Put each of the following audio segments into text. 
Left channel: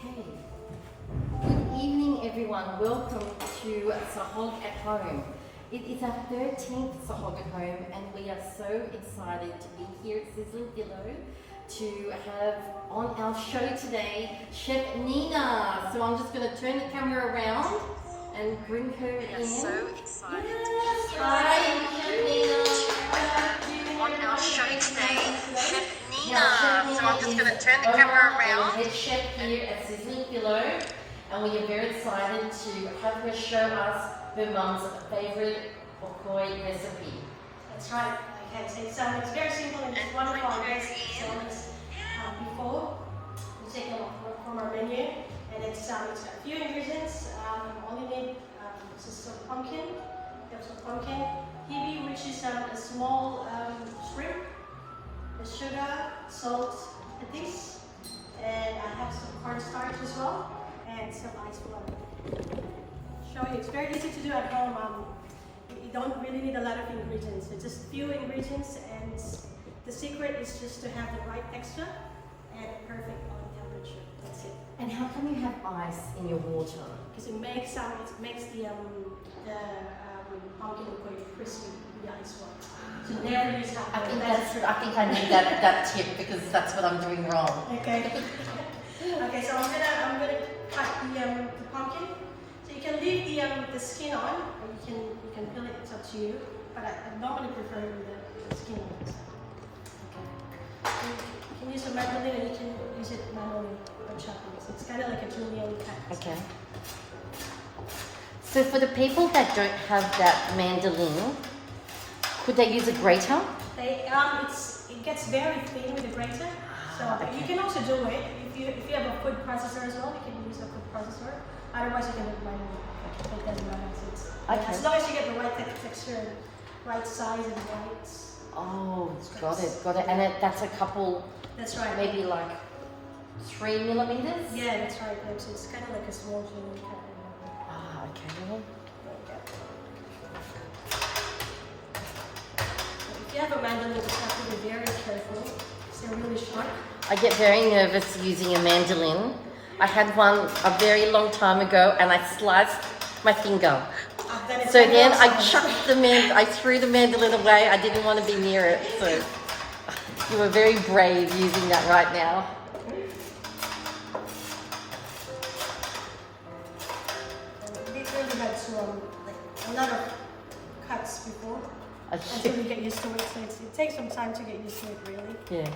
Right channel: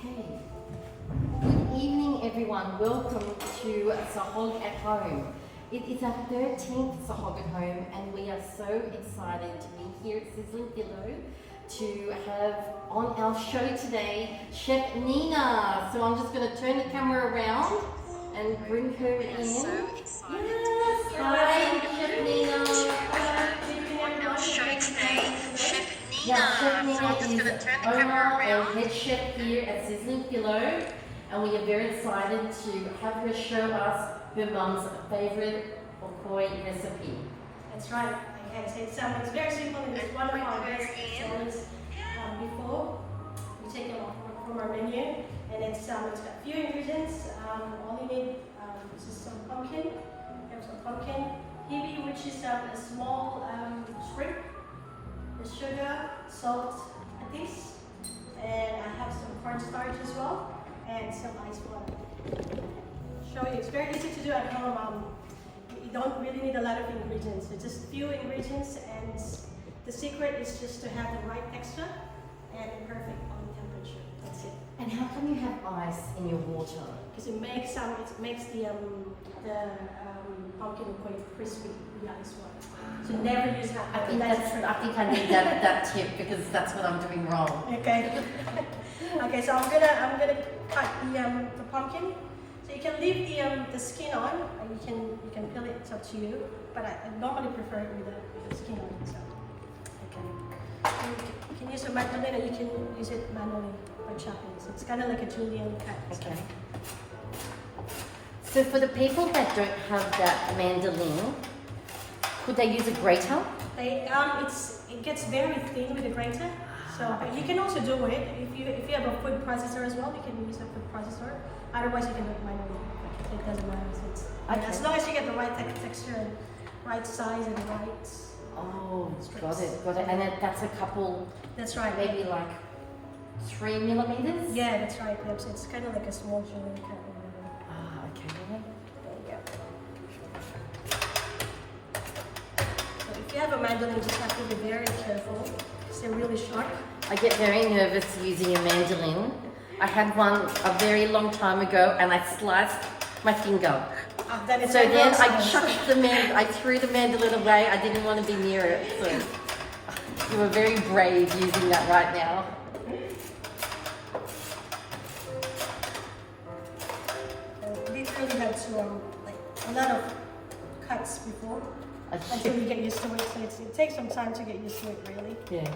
Okay. Good evening, everyone. Welcome to SAHOG at Home. It is our 13th SAHOG at Home, and we are so excited to be here at Sizzling Pillow to have on our show today Chef Nina. So I'm just going to turn the camera around and bring her in. So excited. Yes, hi, Chef Nina. On our show today, Chef Nina. Yeah, Chef Nina So I'm just is going to turn the camera around. head chef here at Sizzling Pillow, and we are very excited to have her show us her mum's favourite okoi recipe. That's right. Okay, so it's very simple and it's one of our best sellers before. We take it from our menu, and it's got a few ingredients. All you need is just some pumpkin. There's some pumpkin, hibi, which is a small shrimp, the sugar, salt, a this, and I have some cornstarch as well, and some ice water. Show you, it's very easy to do at home. You don't really need a lot of ingredients. It's just few ingredients, and the secret is just to have the right texture and perfect on temperature. That's it. And how come you have ice in your water? Because it makes the pumpkin quite crispy with the ice water. So never use hot I water. think I need that tip because that's what I'm doing wrong. Okay. Okay. So I'm gonna cut the pumpkin. So you can leave the skin on, or you can peel it. It's up to you. But I normally prefer it with the skin on. So okay. You can use a mandolin, or you can use it manually or chopping. So it's kind of like a julienne cut. Okay. So for the people that don't have that mandolin, could they use a grater? It gets very thin with the grater. So, but you can also do it if you have a food processor as well. You can use a food processor. Otherwise, you can do it manually. It doesn't matter. Okay. As long as you get the right texture and right size and right. Oh, strips. got it. And that's a couple, That's right. maybe like 3 millimeters? Yeah, that's right. Yep. So it's kind of like a small julienne cut. Ah, okay. There you go. So if you have a mandolin, you just have to be very careful because they're really sharp. I get very nervous using a mandolin. I had one a very long time ago and I sliced my finger. Then it's So over then I also. chucked I threw the mandolin away. I didn't want to be near it. So you were very brave using that right now. We really had to like a lot of cuts before until we get used to it. So it takes some time to get used to it, really. Yeah.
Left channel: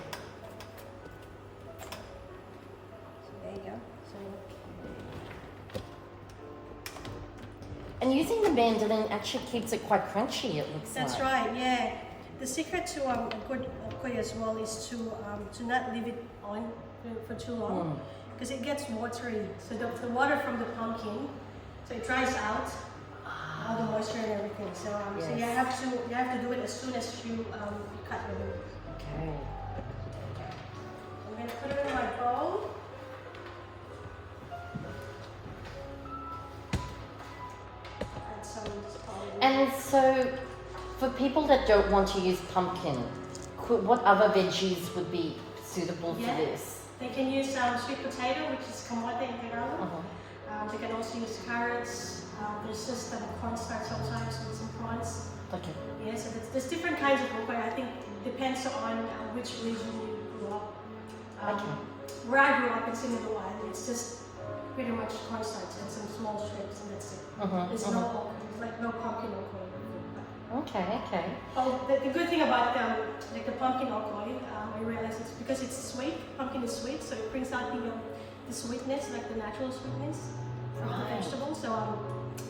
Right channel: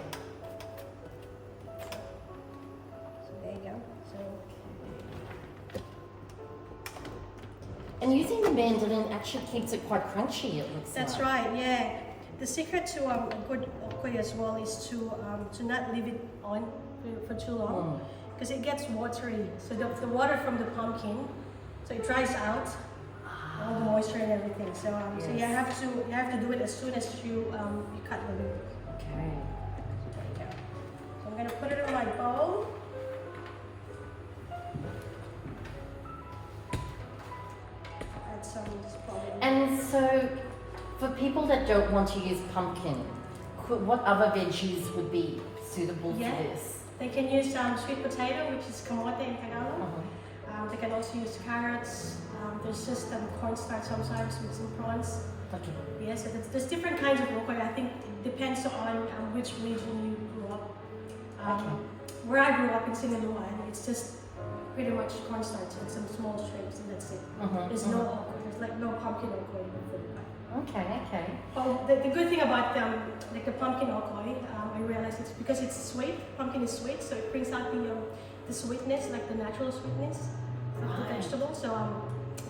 So there you go. So And using the mandolin actually keeps it quite crunchy, it looks that's like. right. Yeah. The secret to a good okoi as well is to not leave it on for too long because it gets watery. So the water from the pumpkin, so it dries out all the moisture and everything. So so you have to do it as soon as you cut the meat. Okay. There you go. So I'm gonna put it in my bowl. Add some spoiled. And so, for people that don't want to use pumpkin, what other veggies would be suitable Yeah. for this? They can use sweet potato, which is kamote in Tagalog. They can also use carrots. There's just cornstarch sometimes with some prawns. Okay. Yeah, so there's different kinds of okoi. I think it depends on which region you grew up. Where I grew up in Singapore, it's just pretty much cornstarch and some small shrimps, and that's it. There's no okoi. There's like no pumpkin okoi. Okay. Oh, the good thing about like the pumpkin okoi, I realized it's because it's sweet. Pumpkin is sweet, so it brings out the sweetness, like the natural sweetness of the vegetable. So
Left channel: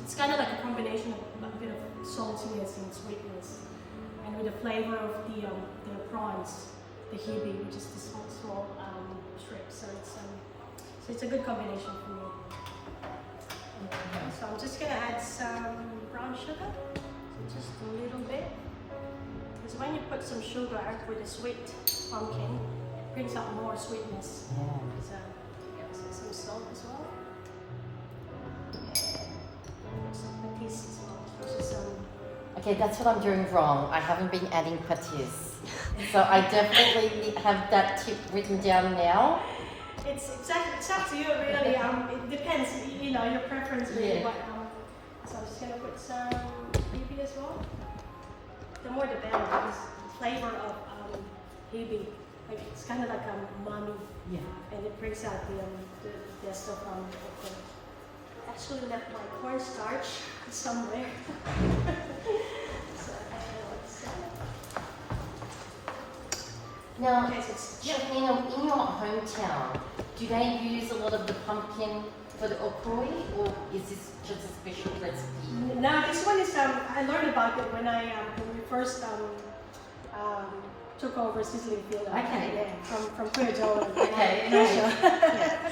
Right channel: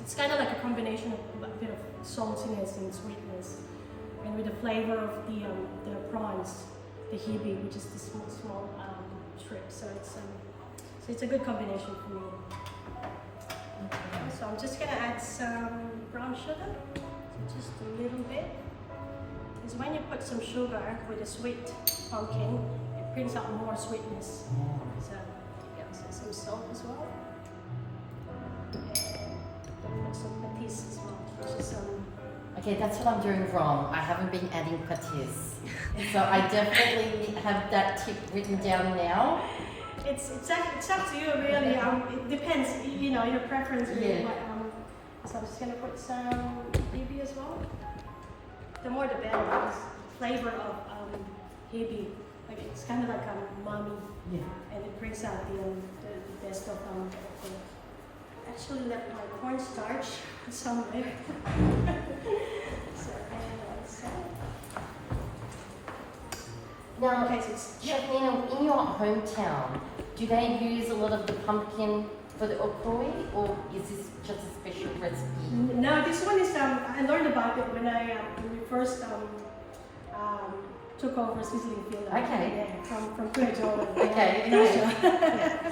it's kind of like a combination of a bit of saltiness and sweetness, and with the flavor of the prawns, the hibi, which is the small shrimp. So it's a good combination for me. Okay, so I'm just gonna add some brown sugar. Just a little bit. Because when you put some sugar with a sweet pumpkin, it brings out more sweetness. So, yeah, so some salt as well. And put some patis as well, which is Okay, that's what I'm doing wrong. I haven't been adding patis. So I definitely have that tip written down now. it's up to you really. It depends, you know, your preference really. Yeah. But, so I'm just gonna put some hibi as well. The more the better because the flavor of hibi, like it's kind of like umami, Yeah. and it brings out the best of okra. Actually left my cornstarch somewhere. So I don't know what's that. Now, Okay, so it's Chef Nina, in your hometown, do they use a lot of the pumpkin for the okoi, or is this just a special recipe? No, this one is I learned about it when we first took over sizzling field. Okay. Yeah, from Kuya Joel. Okay. Yeah.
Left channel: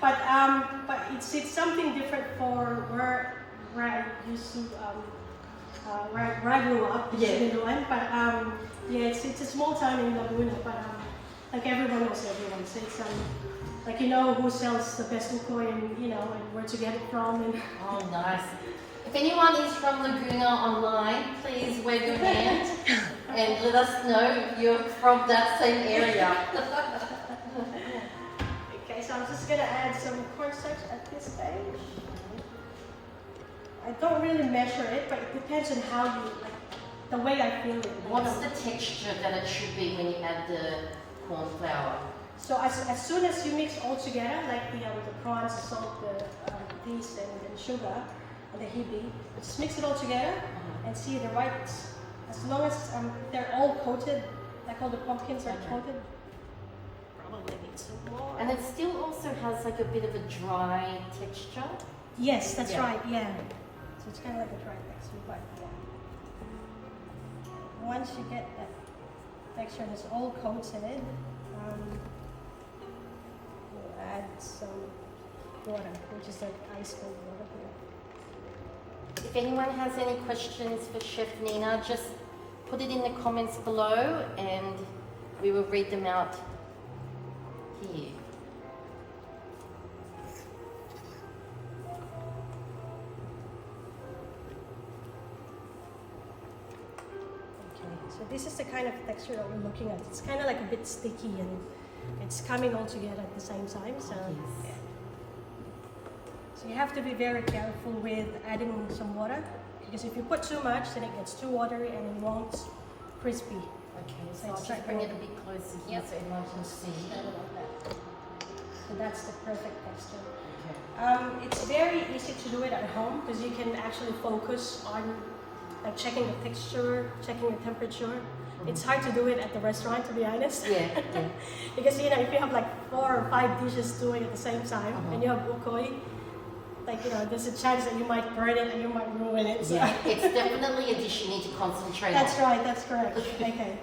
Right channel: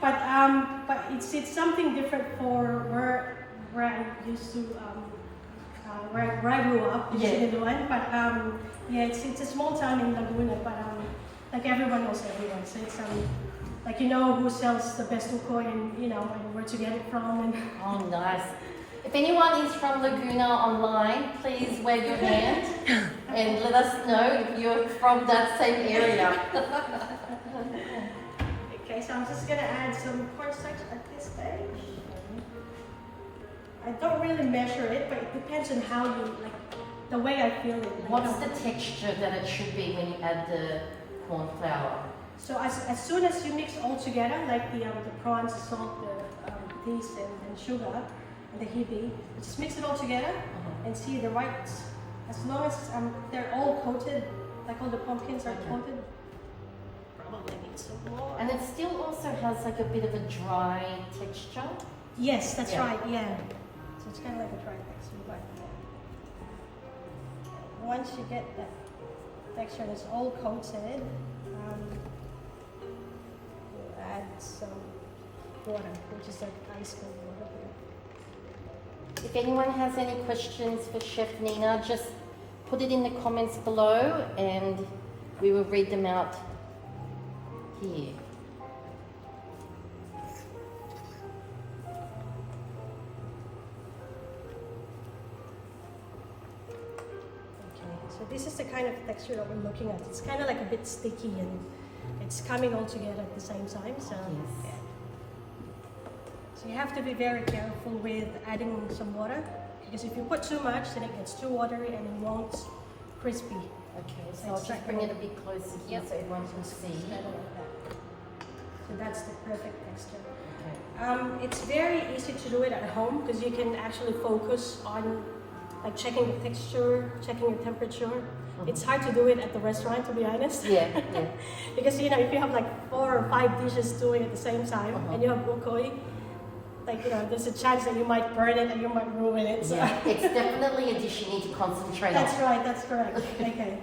But it's something different for where I used to where I grew up in Siniluan. But yeah, it's a small town in Laguna, but like everyone knows everyone. So it's like you know who sells the best ukoi and you know and where to get it from and Oh, nice. If anyone is from Laguna online, please wave your hand and let us know if you're from that same area. Okay, so I'm just gonna add some cornstarch at this stage. I don't really measure it, but it depends on how you like the way I feel it. Like What's the texture that it should be when you add the corn flour? So as soon as you mix all together, like the prawns, salt, the this and sugar and the hibi, just mix it all together and see the right. As long as they're all coated, like all the pumpkins are coated. Probably need some more. And it still also has like a bit of a dry texture. Yes, that's Yeah. right. Yeah. So it's kind of like a dry texture, but yeah. Once you get that texture and it's all coated, we'll add some water, which is like ice cold water here. If anyone has any questions for Chef Nina, just put it in the comments below and we will read them out here. So this is the kind of texture that we're looking at. It's kind of like a bit sticky and it's coming all together at the same time. So, yeah. So you have to be very careful with adding some water because if you put too much, then it gets too watery and it won't crispy. Okay, So so I'll it's just like bring a- it a bit closer here so everyone can see. Kind of like that. So that's the perfect texture. Okay. It's very easy to do it at home because you can actually focus on like checking the texture, checking the temperature. It's hard to do it at the restaurant, to be honest. Yeah. Because you know, if you have like 4 or 5 dishes doing at the same time and you have ukoi, like you know, there's a chance that you might burn it and you might ruin it. So. Yeah, it's definitely a dish you need to concentrate That's on. right, that's correct. Okay.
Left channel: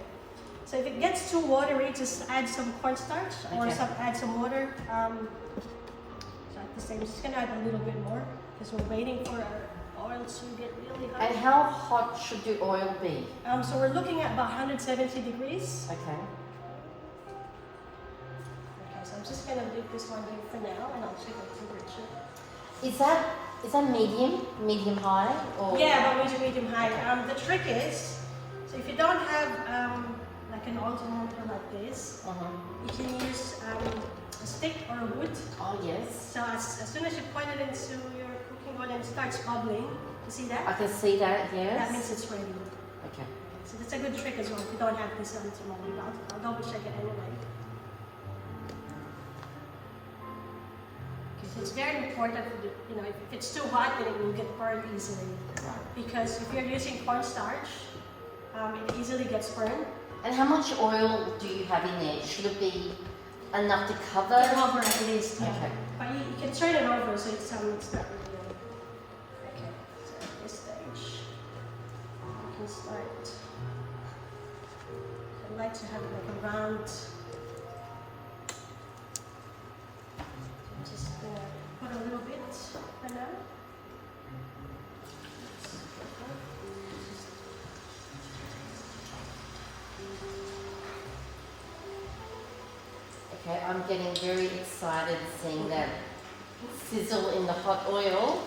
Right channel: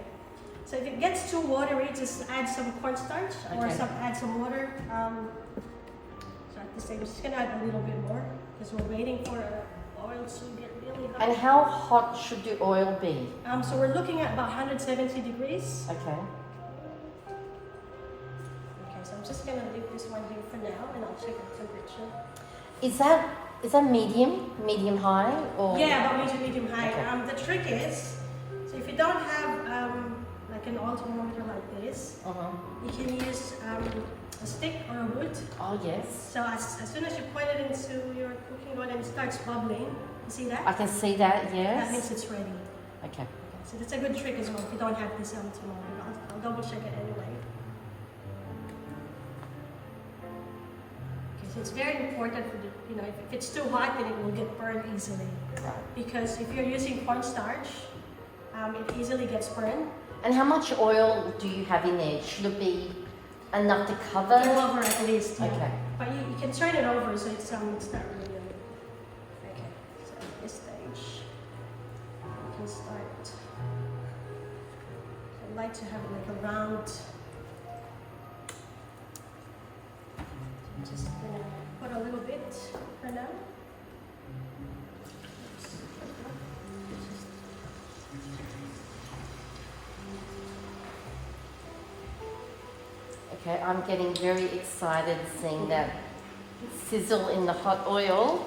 So if it gets too watery, just add some cornstarch or Okay. add some water. So at this stage, I'm just gonna add a little bit more because we're waiting for our oil to get really hot. And how hot should the oil be? So we're looking at about 170 degrees. Okay. Okay, so I'm just gonna leave this one here for now, and I'll check the temperature. Is that medium high, or? Yeah, about medium high. The trick is, so if you don't have like an oil thermometer like this, you can use a stick or a wood. Oh yes. So as soon as you point it into your cooking oil and it starts bubbling, you see that? I can see that. Yes. That means it's ready. Okay. So that's a good trick as well if you don't have this thermometer. I'll double check it anyway. Okay, so it's very important for the, you know, if it's too hot, then it will get burned easily. Because if you're using cornstarch, it easily gets burned. And how much oil do you have in there? Should it be enough to cover? Over at least, yeah. Okay. But you can turn it over so it's not really. Okay, so at this stage, you can start. I like to have it like a round. I'm just gonna put a little bit for now. Okay, I'm getting very excited seeing that sizzle in the hot oil.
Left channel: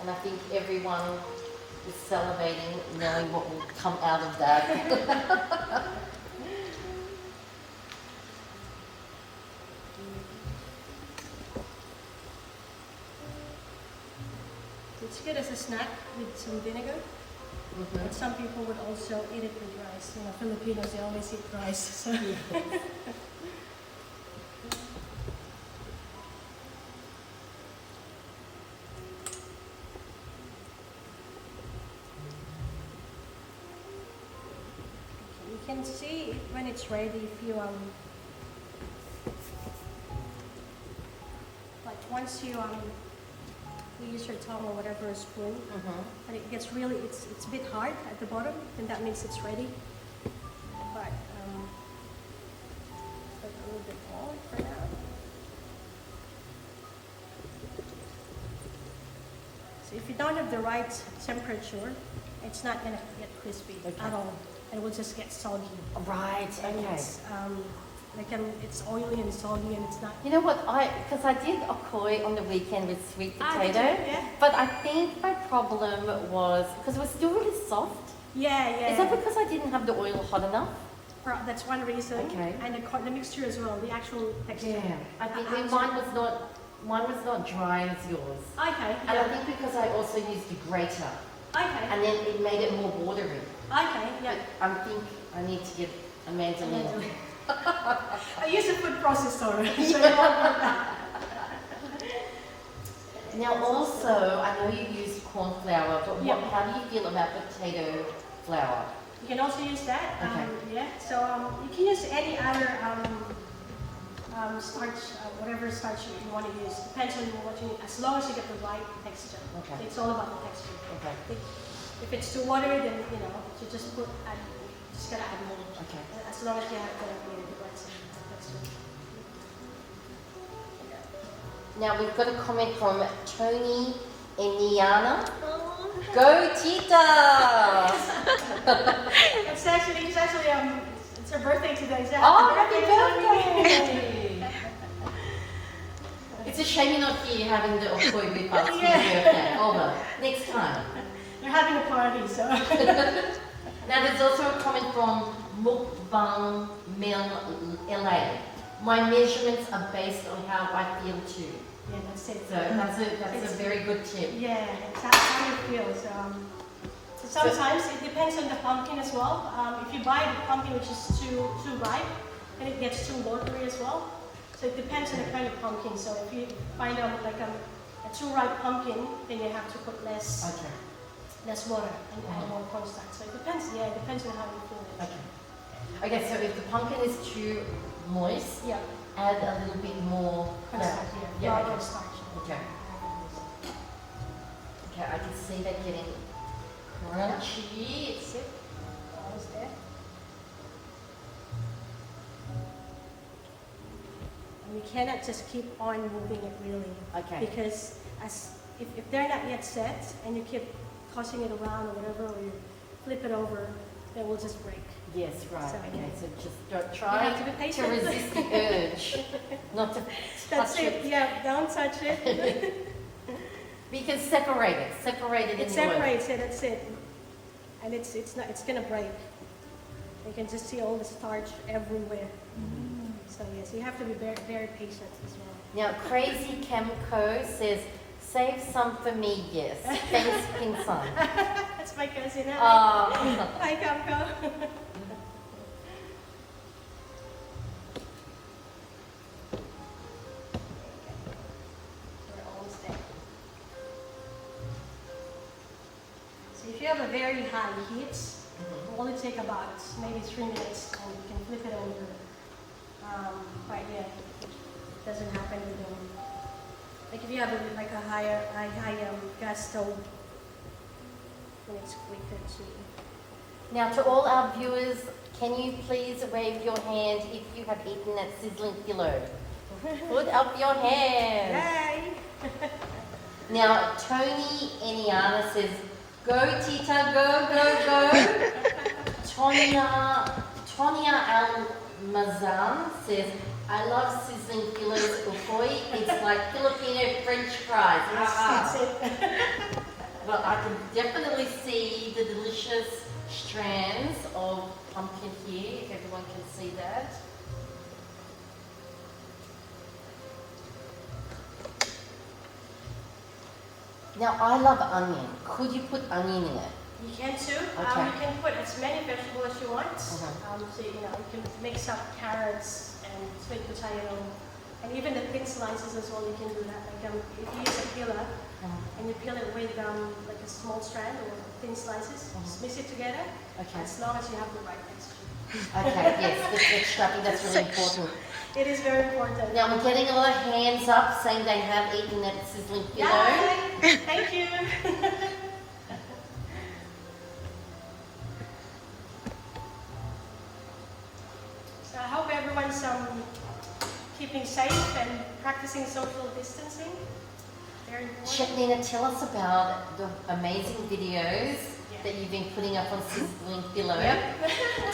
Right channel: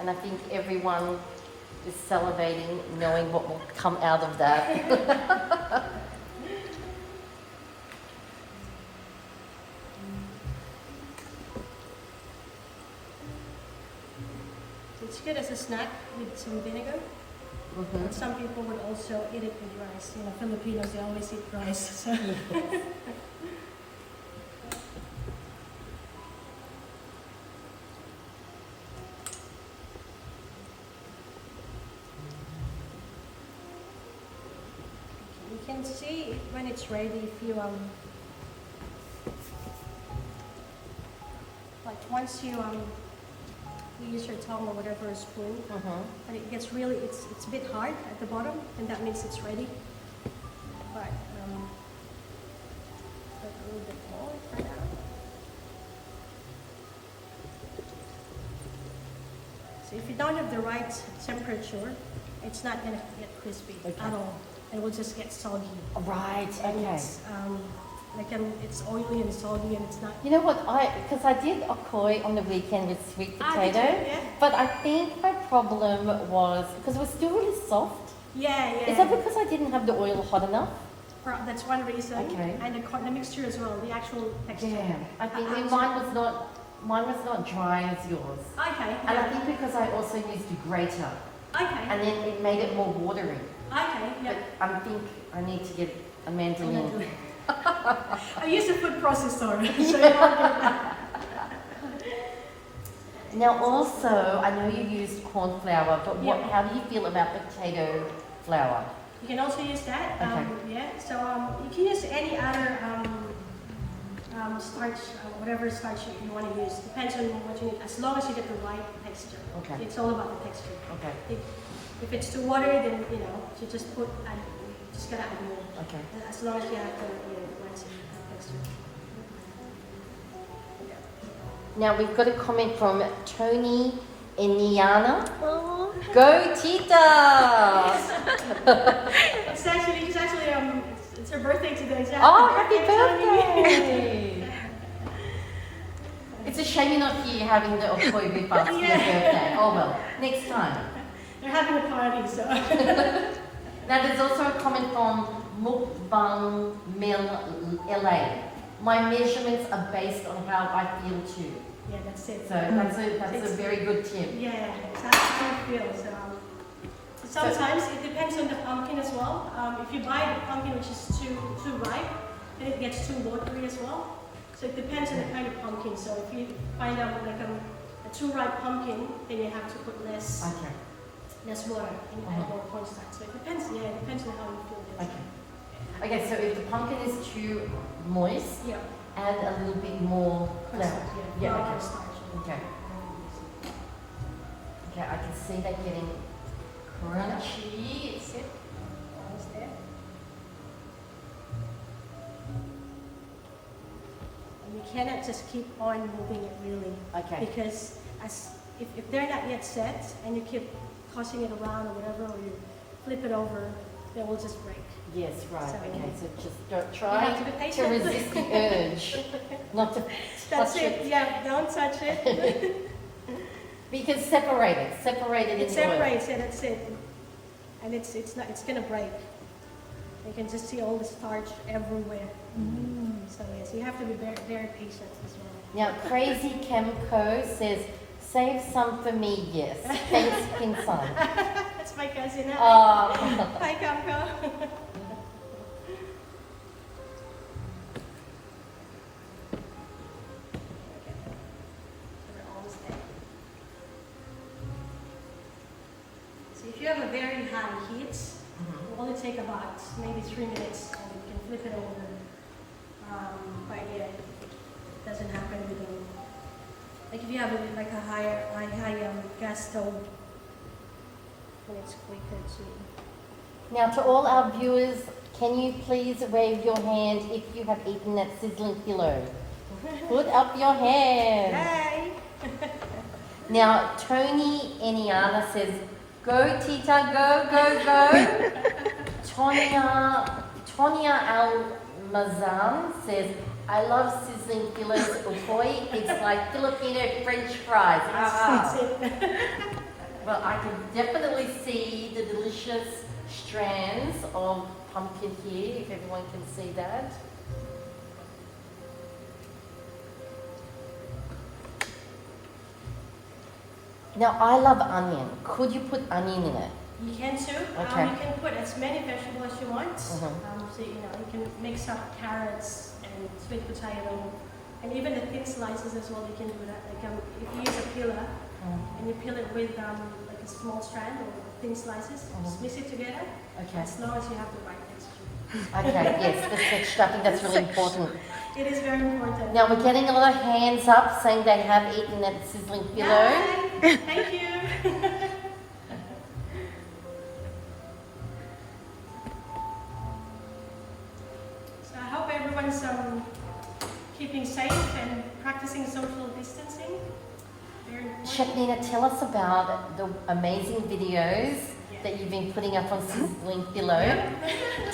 And I think everyone is salivating knowing what will come out of that. It's good as a snack with some vinegar. But some people would also eat it with rice. You know, Filipinos, they always eat rice. So. You can see when it's ready if you like once you use your tongue or whatever, a spoon, and it gets really, it's a bit hard at the bottom, and that means it's ready. But put a little bit more for now. So if you don't have the right temperature, it's not gonna get crispy at all. It will just get soggy. Right. And Okay. it's oily and soggy, and it's not. You know what? Because I did a koi on the weekend with sweet potato, Did you? Yeah. but I think my problem was because it was still really soft. Yeah, yeah. Is that because I didn't have the oil hot enough? That's one reason. Okay. And the mixture as well, the actual texture. I think mine was not dry as yours. Okay. And I think because I also used a grater, Okay. and then it made it more watery. Okay. But Yeah. I think I need to get a mandolin. I use a food processor, so you won't get that. Now also, I know you use corn flour, but Yeah. how do you feel about potato flour? You can also use that. Okay. Yeah. So you can use any other starch, whatever starch you want to use. Depends on what you need. As long as you get the right texture. Okay. It's all about the texture. Okay. If it's too watery, then you just just gotta add more. Okay. As long as you have the right texture. Now we've got a comment from Tony Eniana. Oh. Go Tita! It's actually it's her birthday today. Exactly. Oh, happy Tony. birthday! It's a shame you're not here having the okoi with us for your birthday. Oh well, next time. They're having a party, so. Now there's also a comment from Mukbang Mill LA. My measurements are based on how I feel too. Yeah, that's it. So that's a very good tip. Yeah, that's how you feel. So sometimes it depends on the pumpkin as well. If you buy the pumpkin which is too ripe, then it gets too watery as well. So it depends on the kind of pumpkin. So if you find out like a too ripe pumpkin, then you have to put less water and add more cornstarch. So it depends. Yeah, it depends on how you feel. Okay. Okay, so if the pumpkin is too moist, Yeah. add a little bit more flour. Cornstarch. Yeah, Raw okay. cornstarch. Okay. Okay, I can see that getting crunchy. That's it. Almost there. And you cannot just keep on moving it really. Okay. Because if they're not yet set and you keep tossing it around or whatever, or you flip it over, they will just break. Yes, right. So, okay, so just don't You try have to be to patient. resist the urge not to That's touch it. Yeah, don't touch it. Because separate it It in the oil. separates it. That's it. And it's gonna break. You can just see all the starch everywhere. So yes, you have to be very, very patient as well. Now, Crazy Chemco says, save some for me, yes. Thanks, Pinsan. That's my cousin. Oh. Hi, Kamko. We're almost there. So if you have a very high heat, it will only take about maybe 3 minutes, and you can flip it over. But yeah, it doesn't happen within. Like if you have like a high gas stove, then it's quicker to. Now, to all our viewers, can you please wave your hand if you have eaten that sizzling pillow? Put up your hand. Yay! Now, Tony Eniana says, go Tita, go, go, go. Tonya Almazan says, I love sizzling pillows ukoi. It's like Filipino French fries. That's it. Well, I can definitely see the delicious strands of pumpkin here, if everyone can see that. Now I love onion. Could you put onion in it? You can too. Okay. You can put as many vegetables as you want. Mhm. So you can mix up carrots and sweet potato, and even the thin slices as well. You can do that. Like if you use a peeler and you peel it with like a small strand or thin slices, just mix it together. Okay. As long as you have the right texture. Okay, yes, the texture, I think that's really important. It is very important. Now we're getting a lot of hands up saying they have eaten that sizzling pillow. Yay! Thank you. So I hope everyone's keeping safe and practicing social distancing. Very important. Nina, tell us about the amazing videos that you've been putting up on Sizzling Pillow.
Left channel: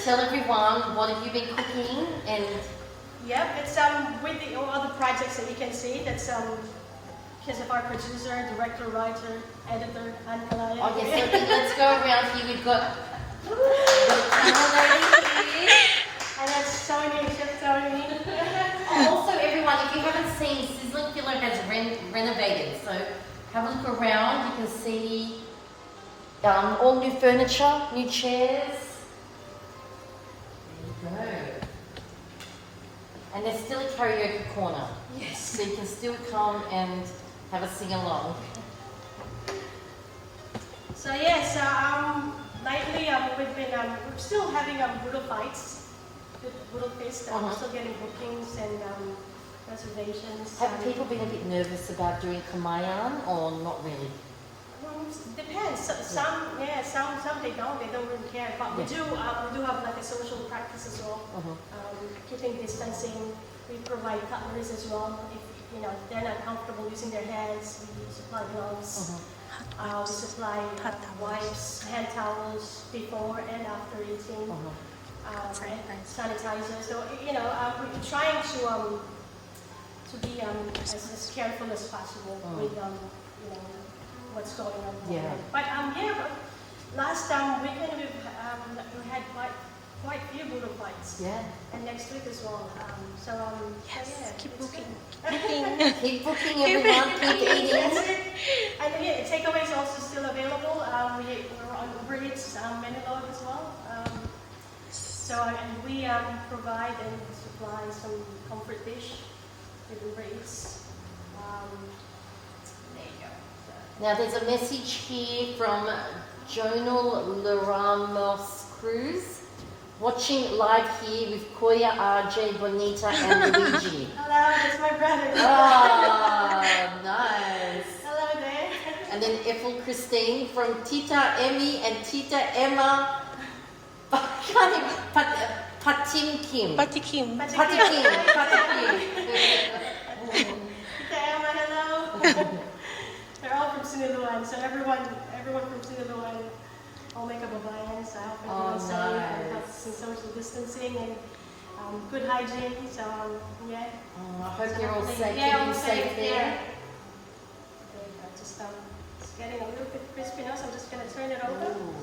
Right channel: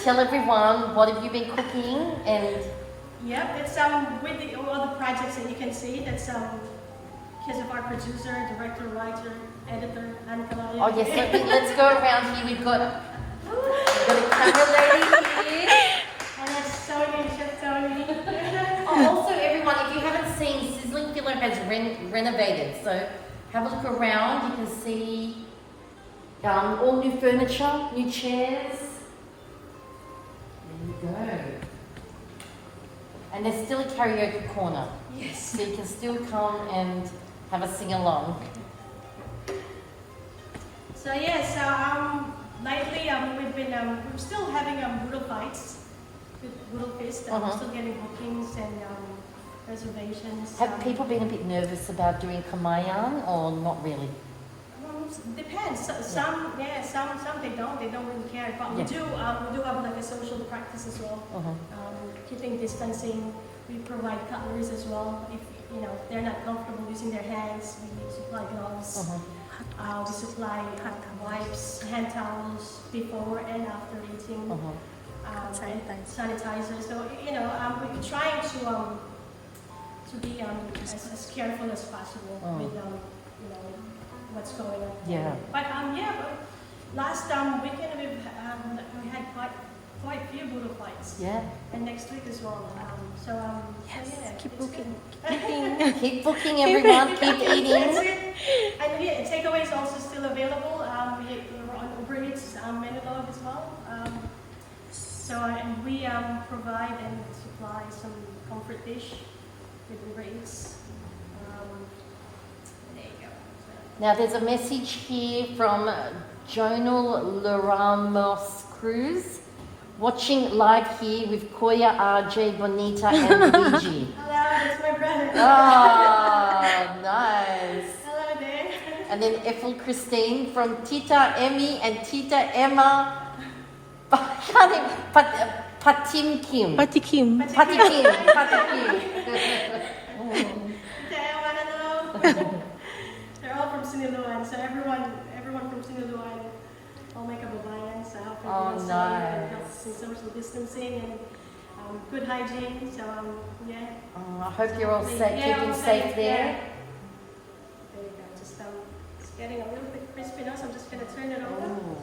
Tell everyone, what have you been cooking? And Yep, it's with all the projects that you can see. That's because of our producer, director, writer, editor, and oh yes, let's go around here. We've got the camera lady here. And that's Tony, Chef Tony. Also, everyone, if you haven't seen, Sizzling Pillow has renovated. So have a look around. You can see all new furniture, new chairs. There you go. And there's still a karaoke corner. Yes. So you can still come and have a sing along. So yes, lately we've been we're still having Boodle fights, Boodle Fest. We're still getting bookings and reservations. Have people been a bit nervous about doing Kamayan or not really? Depends. Some they don't really care. But we do have like a social practice as well. Keeping distancing. We provide cutleries as well. If they're not comfortable using their hands, we supply gloves. We supply wipes, hand towels before and after eating. Sanitizer. So we're trying to be as careful as possible with what's going on. Yeah. But last weekend we had quite a few Boodle fights. Yeah. And next week as well. Yes, keep it's booking. good. Keep booking, everyone. Keep eating. And takeaway is also still available. We're on Uber Eats menu log as well. And we provide and supply some comfort dish with Uber Eats. There you go. Now there's a message here from Jonal Leramos Cruz. Watching live here with Koya, RJ, Bonita and Luigi. Hello, it's my brother. Oh, nice. Hello there. And then Ethel Christine from Tita Emmy and Tita Emma Patim Kim. Pati Kim. Pati Kim. Tita Emma, hello. They're all from Siniluan, so everyone from Siniluan all make up a bayan, so I hope everyone's safe and helps in social distancing and good hygiene. So yeah. I hope you're all safe, Yeah, keeping all safe there. Yeah. Good, just it's getting a little bit crispy now, so I'm just gonna turn it over. Ooh.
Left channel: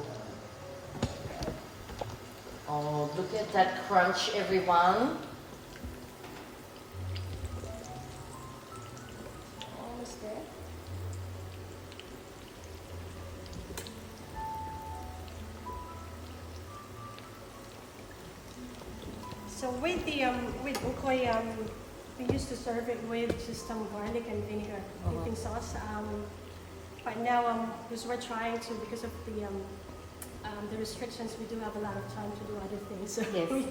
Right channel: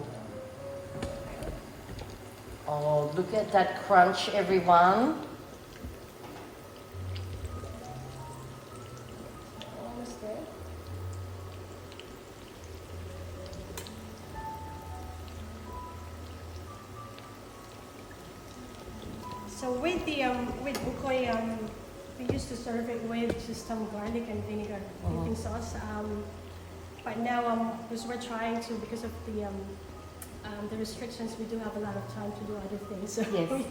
Oh, look at that crunch, everyone. Almost there. So with the with ukoy, we used to serve it with just garlic and vinegar dipping sauce. But now because we're trying to, because of the restrictions, we do have a lot of time to do other things. So Yes.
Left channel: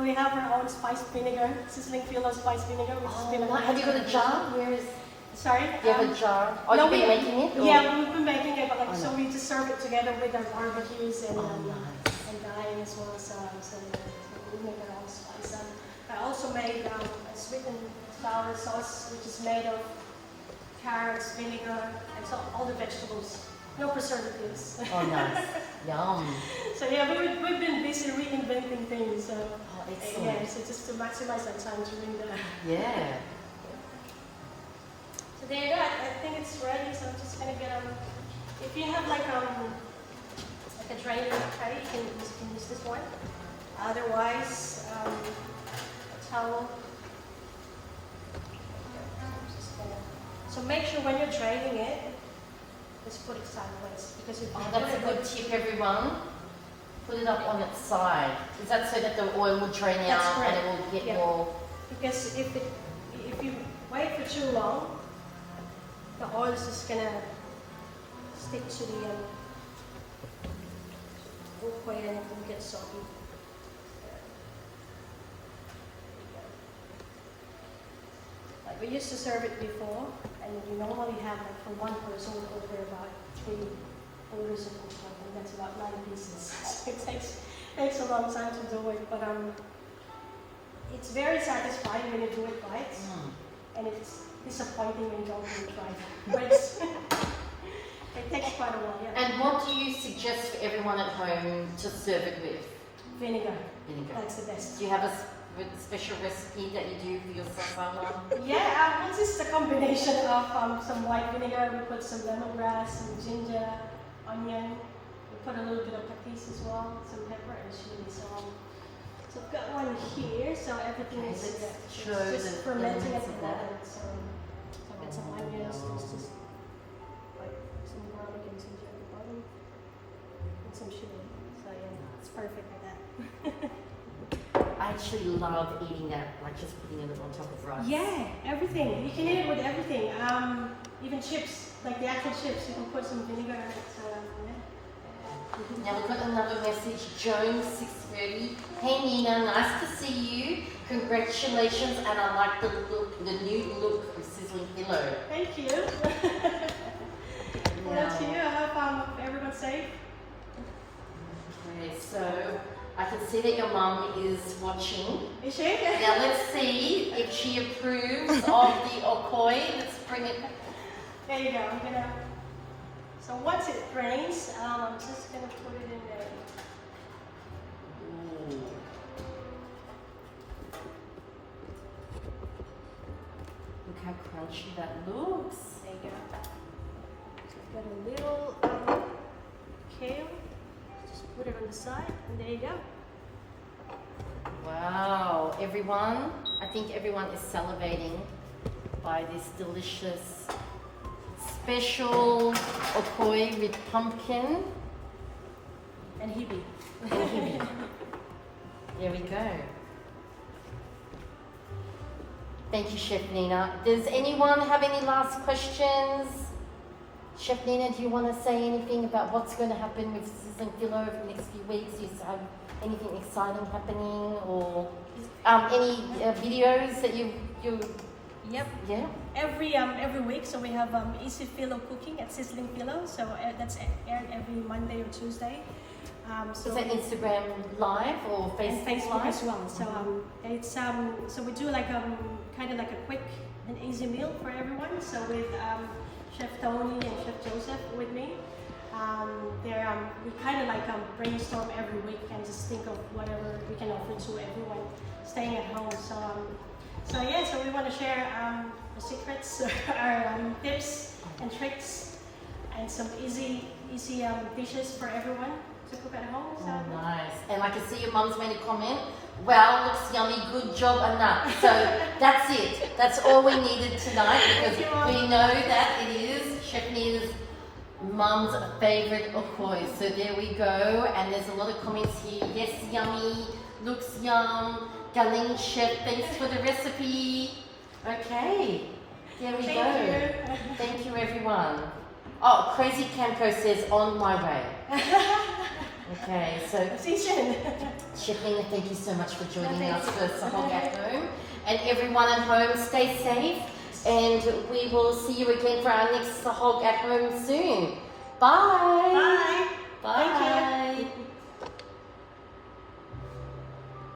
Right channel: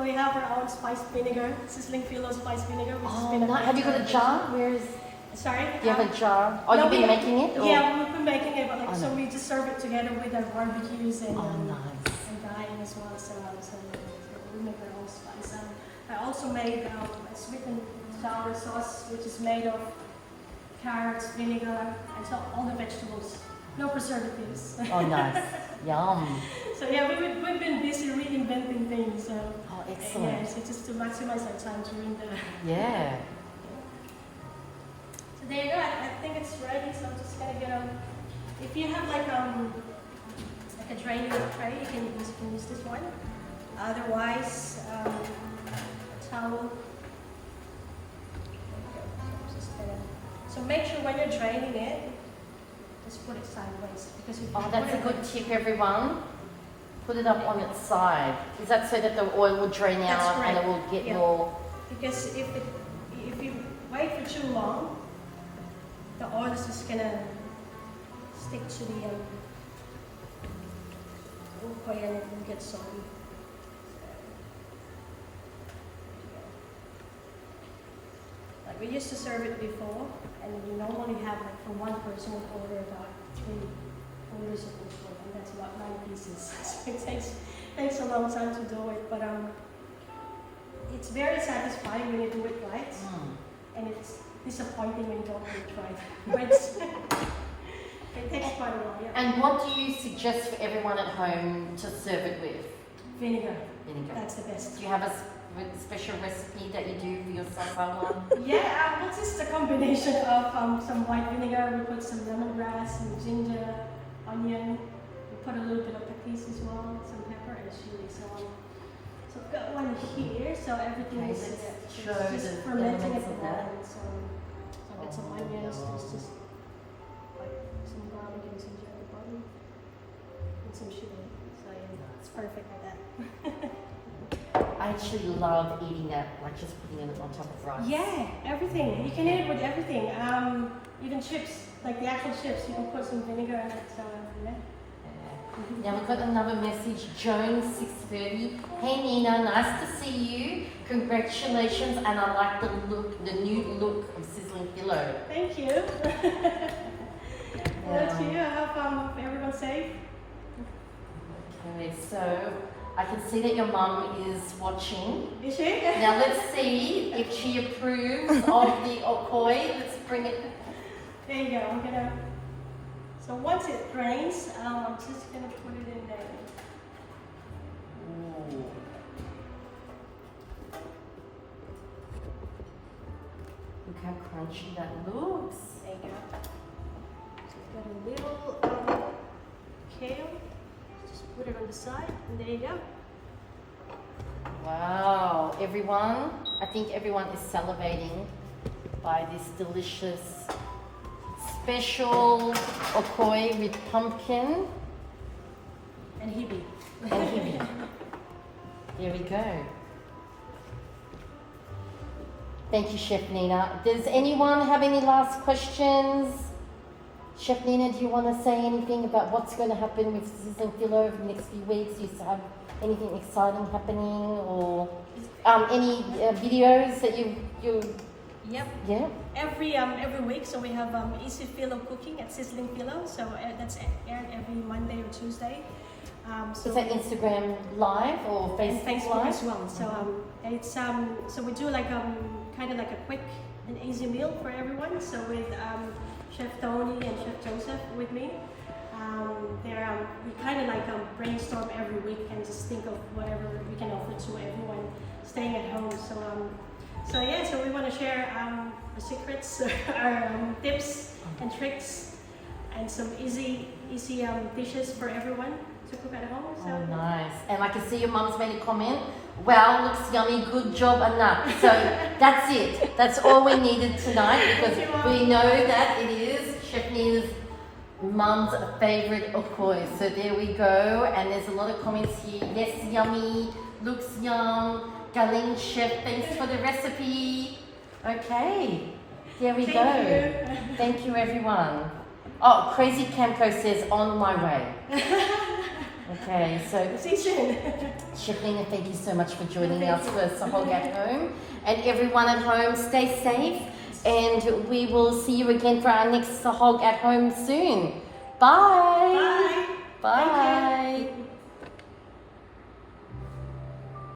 we have our own spiced vinegar, sizzling pillow spiced vinegar, which has been a Have you got a jar? Where is? Sorry. You have a jar. Oh, no, you've been making it? Or? Yeah, we've been making it, but so we just serve it together with our barbecues and dyeing as well. So we make our own spice. I also made a sweet and sour sauce, which is made of carrots, vinegar, and so all the vegetables. No preservatives. Oh, nice. Yum. So yeah, we've been busy reinventing things. So Excellent. so just to maximize our time during the. Yeah. So there you go. I think it's ready. So I'm just gonna get if you have like a draining tray, you can use this one. Otherwise, a towel. So make sure when you're draining it, just put it sideways because if Oh, you that's a put good tip, everyone. Put it up on its side. Is that so that the oil will drain That's out and correct. it will get Yeah. more? because if you wait for too long, the oil is just gonna stick to the ukkoy and it will get soggy. Like we used to serve it before, and we normally have like for one person would order about 3 orders of ukkoy, and that's about 9 pieces. So it takes a long time to do it, but it's very satisfying when you do it right, and it's disappointing when you don't do it right. But it takes quite a while, yeah. And what do you suggest for everyone at home to serve it with? Vinegar, Vinegar. that's the best. Do you have a special recipe that you do for your sahog? Yeah, what's this? A combination of some white vinegar, we put some lemongrass, some ginger, onion, we put a little bit of patis as well, some pepper and chili. So I've got one here, so everything Okay, is let's it's show just the fermenting at elements the of that. moment. So I've got some onions, there's just like some garlic and ginger at the bottom, and some chili. So yeah, it's perfect with that. I actually love eating that, like just putting it on top of rice. Yeah, everything. You can eat it with everything. Even chips, like the actual chips, you can put some vinegar in it. So yeah. Now we've got another message, Joan 630. Hey Nina, nice to see you. Congratulations, and I like the new look of Sizzling Pillow. Thank you. Well, to you. I hope everyone's safe. Okay, so I can see that your mum is watching. Is she? Now let's see if she approves of the okoi. Let's bring it. There you go. I'm gonna. So once it drains, I'm just gonna put it in there. Ooh. Look how crunchy that looks. There you go. So I've got a little kale. Just put it on the side, and there you go. Wow, everyone, I think everyone is salivating by this delicious special okoi with pumpkin And hibi. and hibi. There we go. Thank you, Chef Nina. Does anyone have any last questions? Chef Nina, do you want to say anything about what's going to happen with Sizzling Pillow over the next few weeks? Do you have anything exciting happening, or any videos that you Yep. yeah? Every week, so we have Easy Pillow Cooking at Sizzling Pillow. So that's aired every Monday or Tuesday. So Is that Instagram Live or Facebook, and Facebook Live? as well. So it's so we do like kind of like a quick and easy meal for everyone. So with Chef Tony and Chef Joseph with me, we kind of like brainstorm every week and just think of whatever we can offer to everyone staying at home. So yeah, so we want to share our secrets, our tips and tricks, and some easy dishes for everyone to cook at home. So Oh, nice. And I can see your mum's made a comment. Wow, looks yummy. Good job, enough. So that's it. That's all we needed tonight, because Thank you, Mum. we know that it is Chef Nina's mum's favorite okoi. So there we go. And there's a lot of comments here. Yes, yummy. Looks yum. Galing Chef, thanks for the recipe. Okay. There we go. thank you. Thank you, everyone. Oh, Crazy Campo says on my way. Okay, so See you soon. Chef Nina, thank you so much for joining Thank us you. for Sahog at Home. And everyone at home, stay safe. And we will see you again for our next Sahog at Home soon. Bye. Bye. Bye. Thank you.